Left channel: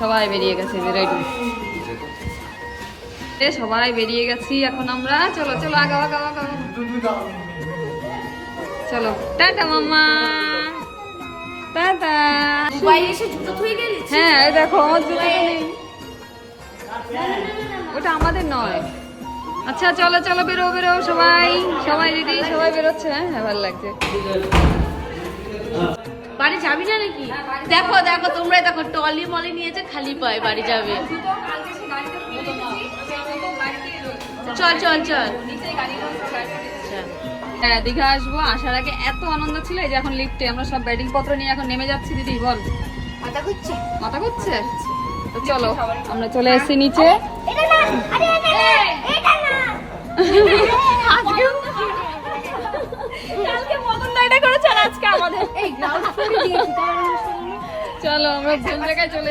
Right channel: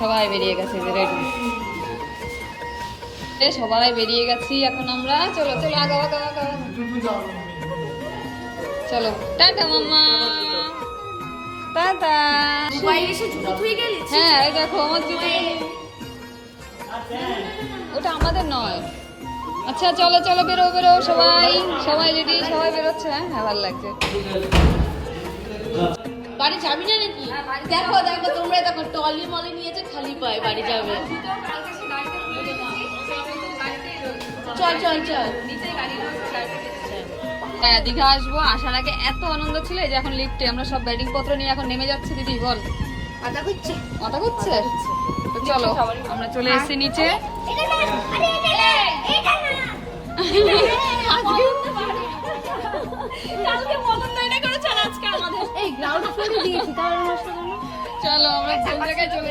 সবাই বেরিয়ে গেছে, রেডি। সবাই বেরিয়ে গেছি এখন আমরা। চলো চলো আগাও আগাও আগাও। চলো টাটা মাম্মা, টাটা। দুবাই এসে জুতো ধুয়ে গেলি? হ্যাঁ এই দেখো আমার জুতোটা নেই, ওটা আমাদের নয়। আচ্ছা চলো চলো বেরো বেরো, সবাই সবাই রেডি, সবাই বেরোচ্ছে। হ্যাঁ ভালো লাগছে। বাড়ি যাবি না নাকি? দেখো দেখো তোমরা দেখো, টলি মলি নিয়েছে, খালি পায় বাড়ি যাবে। চল চল চল। হ্যাঁ দীঘা আসবো, আসার আগে এত আনন্দ ছিল। এই যে এখন লিফটে আমরা সব ব্যাটিং পত্র নিয়ে এখন নেমে যাচ্ছি। দিদি বল। মাথা ঘুরছে? মাথা ঘুরছে? তো চলো আমরা চলে এসেছি নিচে। চলো আমরা কোন জায়গায় চলে